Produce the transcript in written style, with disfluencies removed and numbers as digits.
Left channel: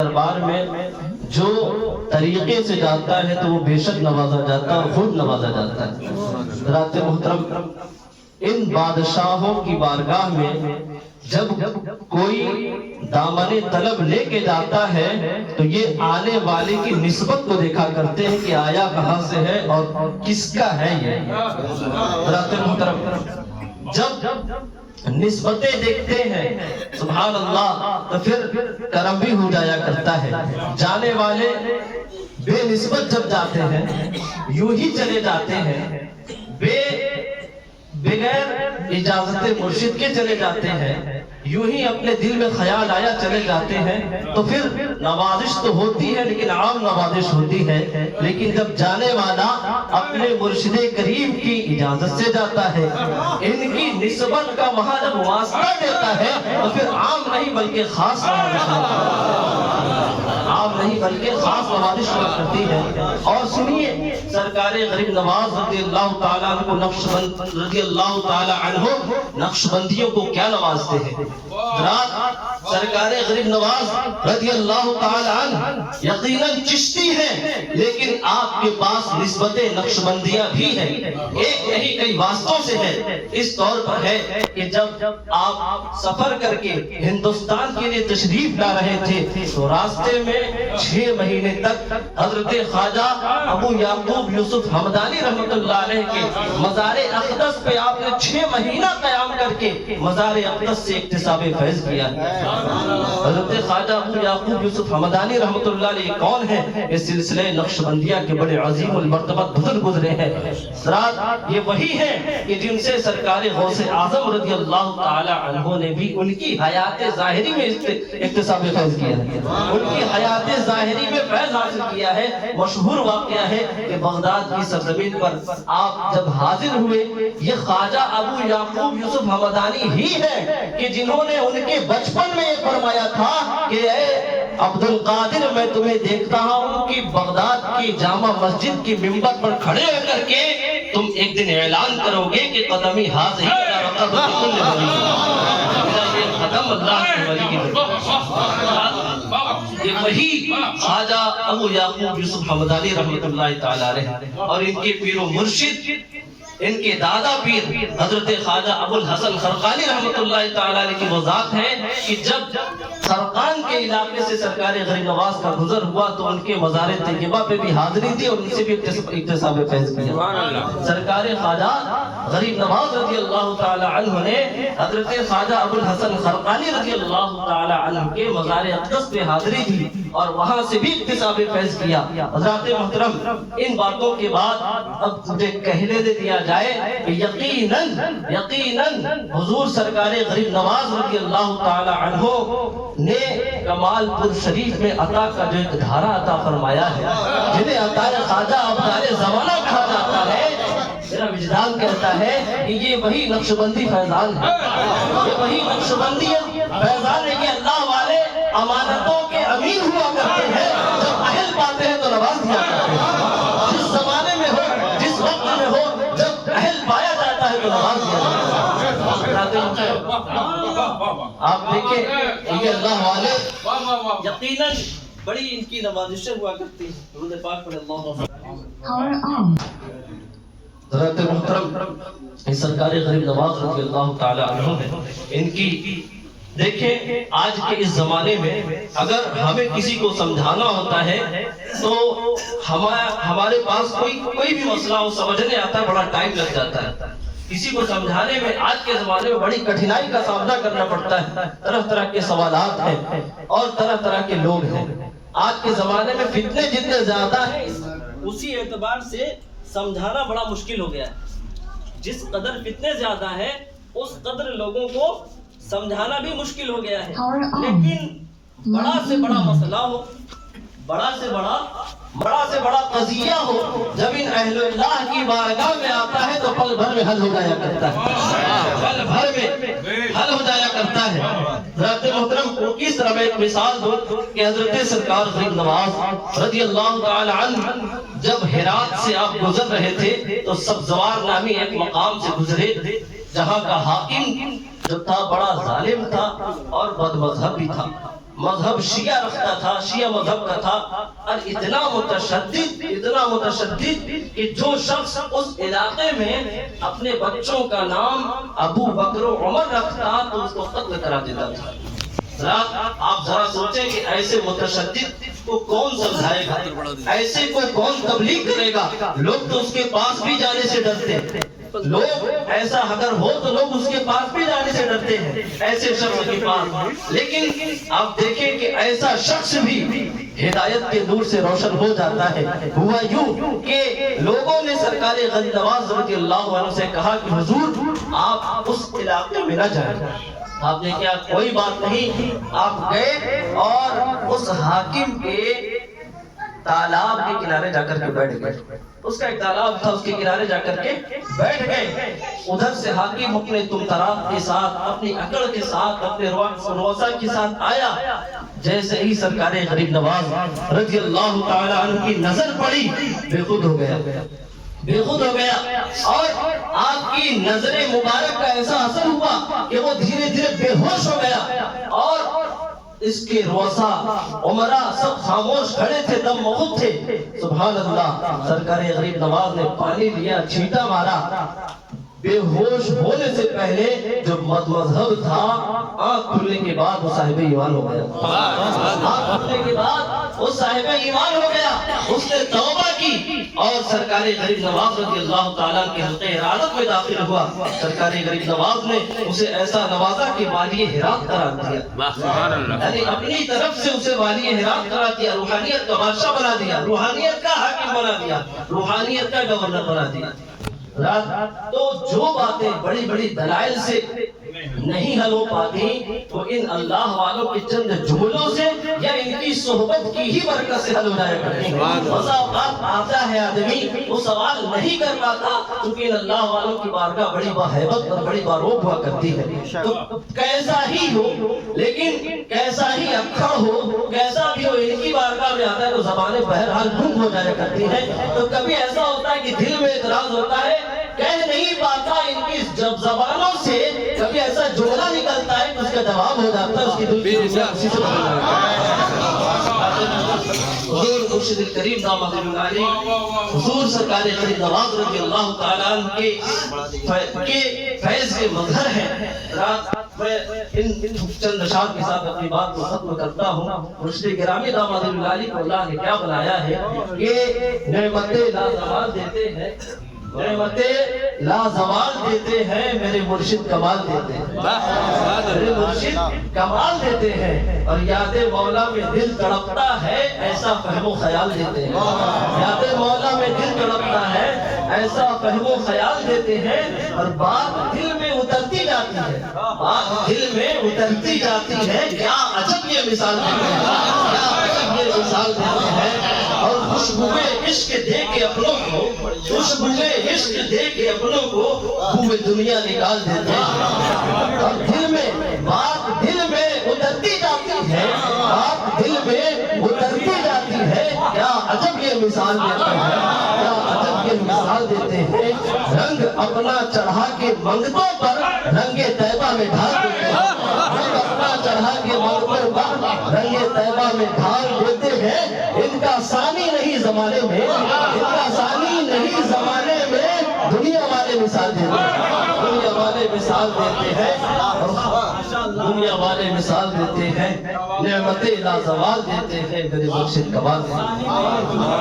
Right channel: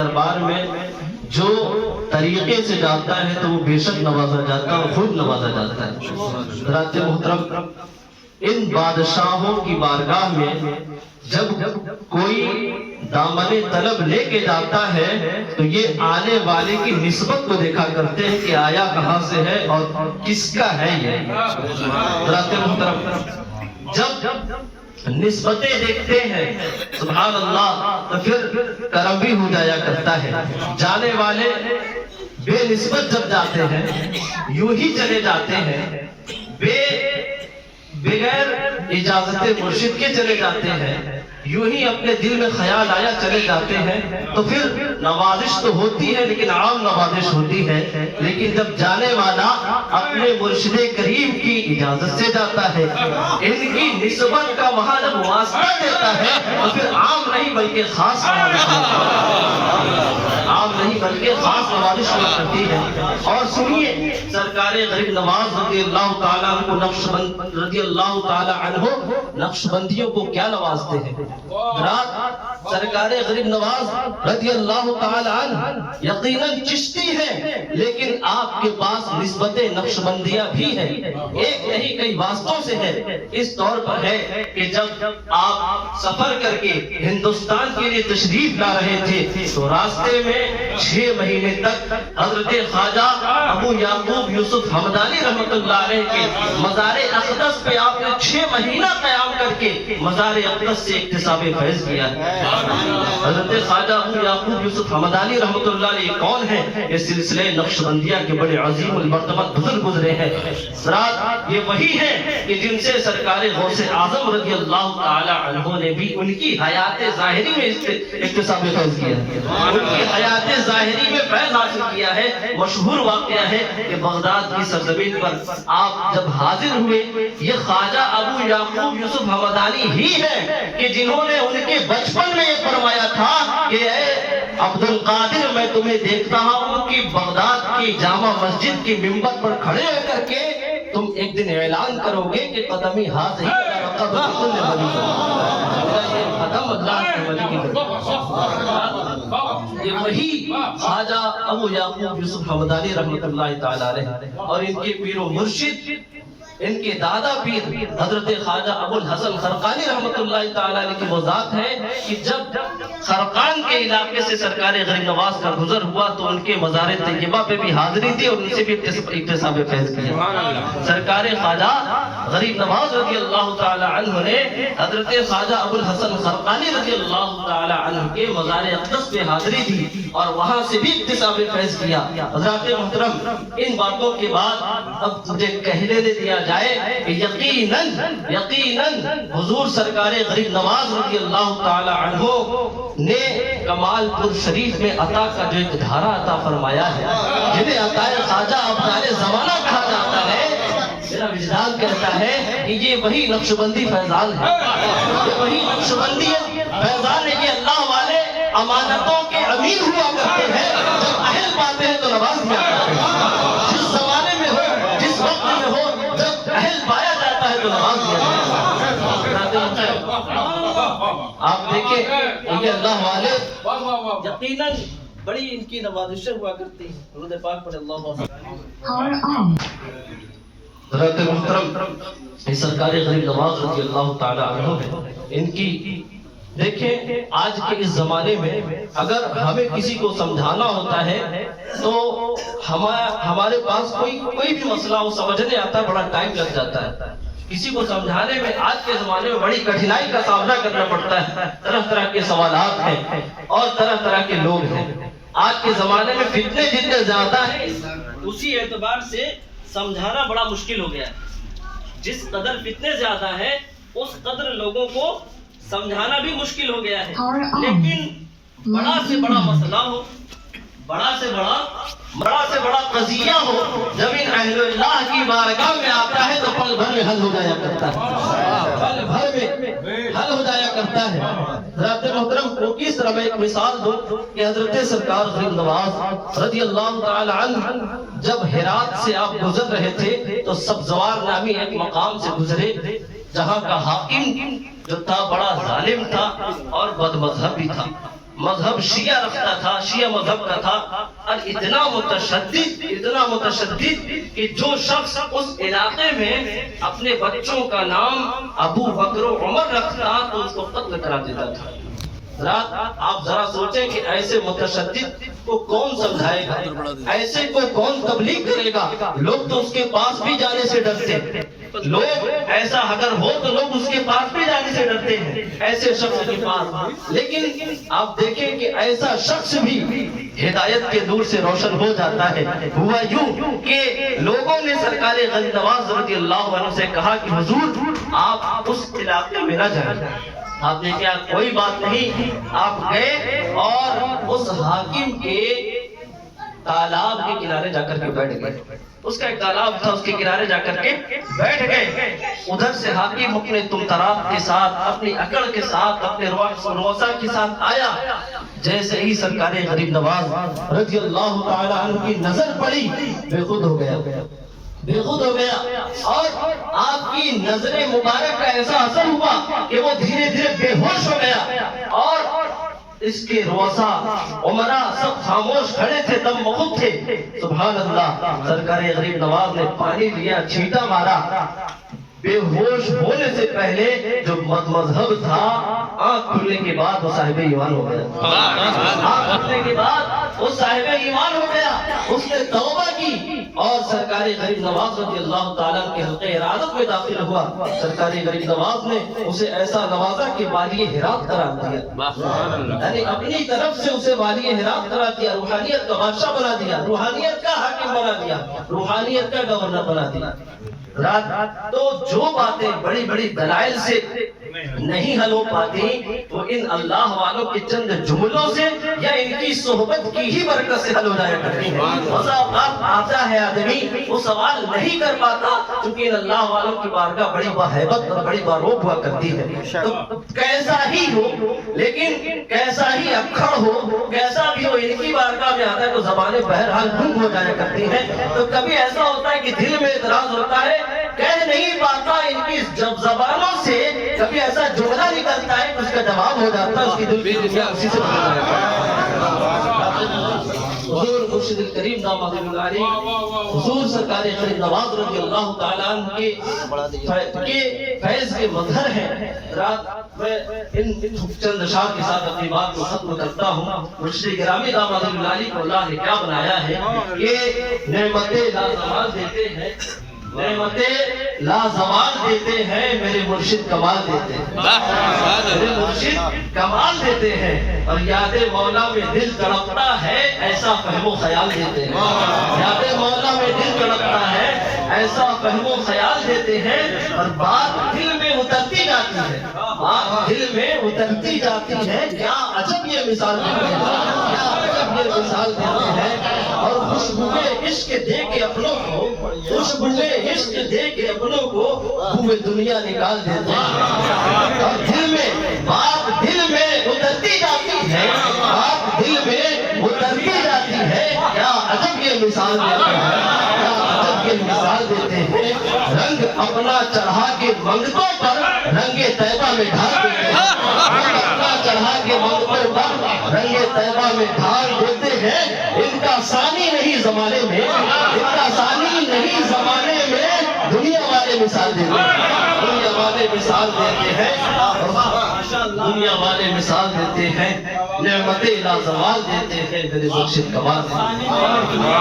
دربار میں جو طریقے سے جاتا ہے تو وہ بے شک نوازا جاتا ہے اور خود نوازا جاتا ہے۔ حضرات محترم، ان بادشاہوں کی بارگاہ میں جب کوئی دامن طلب لے کے جاتا ہے تو یہ آنے والے کی نسبت کو دیکھا کرتے ہیں کہ آیا کہاں سے ہے اور کس کا ہے یہ۔ حضرات محترم، جب نسبتیں دیکھتے ہیں سبحان اللہ تو پھر کرم بھی ہو جایا کرتا ہے۔ جانے والے بے نسبت جب جاتے ہیں، یوں ہی چلے جاتے ہیں، بغیر اجازت مرشد کے چلے جاتے ہیں، یوں ہی اپنے دل میں خیال آیا چلے جاتے ہیں، تو پھر نوازش تو ہوتی ہے لیکن عام نوازش ہوتی ہے۔ لیکن جب جانے والا اپنے مرشد کریم کی اجازت سے جاتا ہے، ان کی نسبت کا وہاں جب واسطہ دیتا ہے تو پھر عام نہیں بلکہ خاص نوازش نوازش کرتی ہے۔ اور سنیے سرکار غریب نواز رضی اللہ تعالیٰ عنہ رضی اللہ تعالیٰ عنہ نقشبندیوں کو کیا نوازتے ہیں۔ رات سرکار غریب نواز رضی اللہ تعالیٰ عنہ یقیناً چشتی ہیں، لیکن آپ کے پاس نسبت نقشبندیہ بھی ہے، ایک نہیں کئی واسطوں سے ہے۔ اس طور پر ہے کہ جب آپ سفر کر کے ہندوستان کے لیے تشریف لا رہے تھے تو راستے میں 6 مہینے تک حضرت خواجہ ابو یعقوب یوسف حمدانی رحمۃ اللہ علیہ کے مزار اقدس پہ آپ نے 6 مہینہ قیام کر کے مزار اقدس سے اکتساب فیض کیا ہے۔ حضرت خواجہ ابو یعقوب یوسف حمدانی رحمۃ اللہ علیہ کون ہیں؟ اس سلسلے نقشبندیہ کے بڑے عظیم المرتبت بزرگ گزرے ہیں۔ حضرات یہ وہی ہیں کہ جن سے سرکار غوث اعظم رضی اللہ تعالی عنہ نے بھی ان کی حیات ظاہری میں اکتساب فیض کیا ہے، ان کی حیات ظاہری میں فیض حاصل کیا ہے۔ مشہور واقعہ ہے کہ بغداد کی سرزمین پر آپ جب حاضر ہوئے، یہ خواجہ ابو یعقوب یوسف حمدانی ہی ہے کہ جنہوں نے ان کے بچپن میں یہ فرمایا تھا کہ اے عبد القادر، میں تمہیں دیکھتا ہوں کہ بغداد کی جامع مسجد کی منبر پر کھڑے ہو کر کے تم ایک دن اعلان کرو گے کہ قدمی حاضر یہ وہی خواجہ ابو یعقوب یوسف حمدانی رحمۃ اللہ تعالی علیہ اور ان کے پیر و مرشد، ان کے دادا پیر حضرت خواجہ ابو الحسن خرقانی رحمۃ اللہ تعالی علیہ کی وہ ذات ہے کہ جب خرقان کے علاقے سے سرکار غریب نواز کا گزر ہوا تو ان کے مزار طیبہ پہ بھی حاضری دی اور ان سے بھی اکتساب فیض کیا۔ سرکار خواجہ غریب نواز رضی اللہ تعالی عنہ نے حضرت خواجہ ابو الحسن خرقانی رضی اللہ تعالی عنہ کے مزار اقدس پہ حاضری دی اور وہاں سے بھی اکتساب فیض کیا۔ حضرات محترم، ان باتوں کے بعد اب مجھے کہنے دے دیا جائے کہ یقیناً حضور سرکار غریب نواز رضی اللہ تعالی عنہ نے کمال پور شریف میں عطا کا جو ایک دھارا عطا فرمایا ہے، جنہیں عطا خواجہ ابدال زمانہ کہا جاتا ہے، میرا وجدان کہتا ہے کہ یہ وہی نقشبندی فیضان ہے، یہ وہی نقشبندی فیضان ہے کہ اللہ والے امانتوں کے امین ہوا کرتے ہیں، جب اہل پاتے ہیں تو نواز دیا کرتے ہیں۔ جس زمانے میں ہو، جس وقت میں ہو، جب اہل پایا جاتا ہے تو نواز دیا جاتا ہے۔ آپ دیکھیں یہ اللہ والے یقیناً بڑی ان کی نوازشیں ہوا کرتی ہیں۔ درود پاک پڑھ اللہ حضرت محترم، اس سرکار غریب نواز رضی اللہ تعالی عنہ ہے، ان کی دیکھیں آج کے اس زمانے میں اگر ہمیں کسی کو سمجھانا ہوتا ہے تو ہمارے پاس کوئی بھی مسئلہ ہو سمجھنے آتا ہے، بڑا ٹائم لگ جاتا ہے۔ کسی کو سمجھانے میں آج کے زمانے میں بڑی کٹھنائی کا سامنا کرنا پڑتا ہے، طرح طرح کے سوالات ہیں اور طرح طرح کے لوگ ہیں۔ آج کے زمانے میں فتنے جتنے زیادہ ہیں، اسی اعتبار سے سمجھانا بڑا مشکل ہو گیا ہے۔ جس قدر فتنے زیادہ ہیں اس قدر لوگوں کو سمجھانا بھی مشکل ہو گیا ہے۔ لیکن بڑا سے بڑا مسئلہ ہو، بڑا سے بڑا قضیہ ہو، جب ان اہل اللہ کی بارگاہ میں آتا ہے تو پل بھر میں حل ہو جایا کرتا ہے، پل بھر میں حل ہو جایا کرتا ہے۔ حضرات محترم کو کس طرح میں ایک مثال دوں کہ حضرت سرکار غریب نواز رضی اللہ تعالی عنہ جب ہرات سے آپ گزر رہے تھے تو سبزوار نامی ایک مقام سے گزرے، جہاں کا حاکم جو تھا بڑا ظالم تھا اور بد مذہب بھی تھا۔ مذہب شیعہ رکھتا تھا، شیعہ مذہب کا تھا، اور اتنا متشدد کہ جو شخص اس علاقے میں اپنے بچوں کا نام ابو بکر و عمر رکھتا تو اس کو قتل کرا دیتا تھا۔ آپ ذرا سوچیں کہ ایسے متشدد کو کون سمجھائے گا، ایسے کو کون تبلیغ کرے گا؟ لوگ تو اس کے پاس بھی جانے سے ڈرتے ہیں، لوگ ایسا اگر ہو تو لوگ اس کے پاس بھی جانے سے ڈرتے ہیں، ایسے شخص کے پاس۔ لیکن آپ دیکھیں کہ ایسا شخص بھی ہدایت کے نور سے روشن ہو جاتا ہے۔ ہوا یوں کہ لوگوں نے سرکار غریب نواز رضی اللہ عنہ سے کہا کہ حضور آپ اس علاقے میں نہ جائیں۔ آپ نے کہا کوئی بات نہیں، آپ گئے اور اس حاکم کے تالاب کے کنارے جا کر کے بیٹھ گئے۔ اس کا ایک تالاب تھا، اس کے کنارے جا کر کے بیٹھ گئے۔ ادھر سے حاکم اپنے تمطراق کے ساتھ، اپنی اکڑ کے ساتھ، اپنے روزہ کے ساتھ آیا۔ جیسے ہی سرکار غریب نواز رضی اللہ تعالی عنہ کی نظر پڑی، بے خود ہو گیا اور آپ کی نظر مبارک کا ایسا اثر ہوا کہ وہ دھیرے دھیرے بے ہوش ہو گیا، اور اس کے روزہ عمرہ سب خاموش کھڑے تھے، دم مخوض تھے۔ سبحان اللہ، سرکار غریب نواز نے پانی لیا، چھینٹا مارا، بے ہوش ہونے سے پہلے جو مذہب تھا، آنکھ کھلنے کے بعد وہ صاحب ایمان ہو گیا۔ آنکھ کھلنے کے بعد وہ صاحب ایمان ہو گیا، اس نے توبہ کی اور سرکار غریب نواز رضی اللہ تعالیٰ کے حلقہ ارادت میں داخل ہوا۔ سرکار غریب نواز نے اسے ایسا نوازا کہ والی ہرات قرار دیا، یعنی اپنی طرف سے اسے والی ہرات قرار دیا، روحانیت کا بادشاہ بنا دیا، روحانیت کا حاکم بنا دیا، روحانیت کا گورنر بنا دیا۔ تو جو باتیں بڑی بڑی دلائل سے نہیں حل ہو پاتی، وہ ان اللہ والوں کے چند جملوں سے یا ان کی صحبت کی ہی برکت سے حل ہو جایا کرتی ہیں۔ بسا اوقات آتا ہے آدمی وہ سوال نہیں کر پاتا کیونکہ ان اللہ والوں کی بارگاہ بڑی باہیبت اور بڑی باروب ہوا کرتی ہے۔ تو کیسا ہی ہو، لیکن کیسا ہی اکھڑ ہو، کیسا بھی ہو، ان کی بارگاہ میں آتا ہے تو زبانیں بہرحال گنگ ہو جایا کرتی ہیں۔ تو کبھی ایسا ہوتا ہے کہ دل میں اعتراض ہوتا ہے، کہہ نہیں پاتا ان کی زبانوں سے، کبھی ایسا جملہ نکلتا ہے کہ اس کا جواب ہو جاتا ہے، اس کی دل کی دنیا اسی سے بدل جاتا ہے۔ حضور مرشد الکریم دامت العالی، حضور سرکار غریب نواز رضی اللہ تعالیٰ عنہ کے فیض کے مظہر ہیں۔ رات میں ان چند اشعار کے ساتھ اپنی بات کو ختم کرتا ہوں۔ مرشد گرامی دامت العالی کو اللہ نے کیا بنایا ہے کہ نعمتیں لازوال دیتے ہیں، نعمتیں لازوال دیتے ہیں، میرے مرشد کمال دیتے ہیں، میرے مرشد کمال دیتے ہیں، اور یاد مولا میں دل تڑپتا ہے ایسا فہم و خیال دیتے ہیں، یاد مولا میں دل تڑپتا ہے ایسا فہم و خیال دیتے ہیں، اور بات دل میں اترتی جاتی ہے، بات دل میں اترتی جاتی ہے۔ کیا عجب یہ مثال دیتے ہیں، کیا عجب یہ مثال دیتے ہیں، اور خوشبوئے عشق دے کے اپنوں کو، خوشبوئے عشق دے کے اپنوں کو بوئے دنیا نکال دیتے ہیں، اور دل میں بات دل میں اترتی جاتی ہے، بات دل میں اترتی جاتی ہے۔ کیا عجب یہ مثال دیتے ہیں، کیا عجب یہ مثال دیتے ہیں۔ رنگ اپنا چڑھا کے منگتوں پر رنگ طیبہ میں ڈھال دیتے ہیں، رنگ اپنا چڑھا کے منگتوں پر رنگ طیبہ میں ڈھال دیتے ہیں۔ ان کا ثانی نہیں زمانے میں، ان کا ثانی نہیں زمانے میں، دنیا والے مثال دیتے ہیں، دنیا والے مثال دیتے ہیں، دنیا والے مثال دیتے ہیں، نعمتیں لازوال دیتے ہیں، میرے مرشد کمال دیتے ہیں۔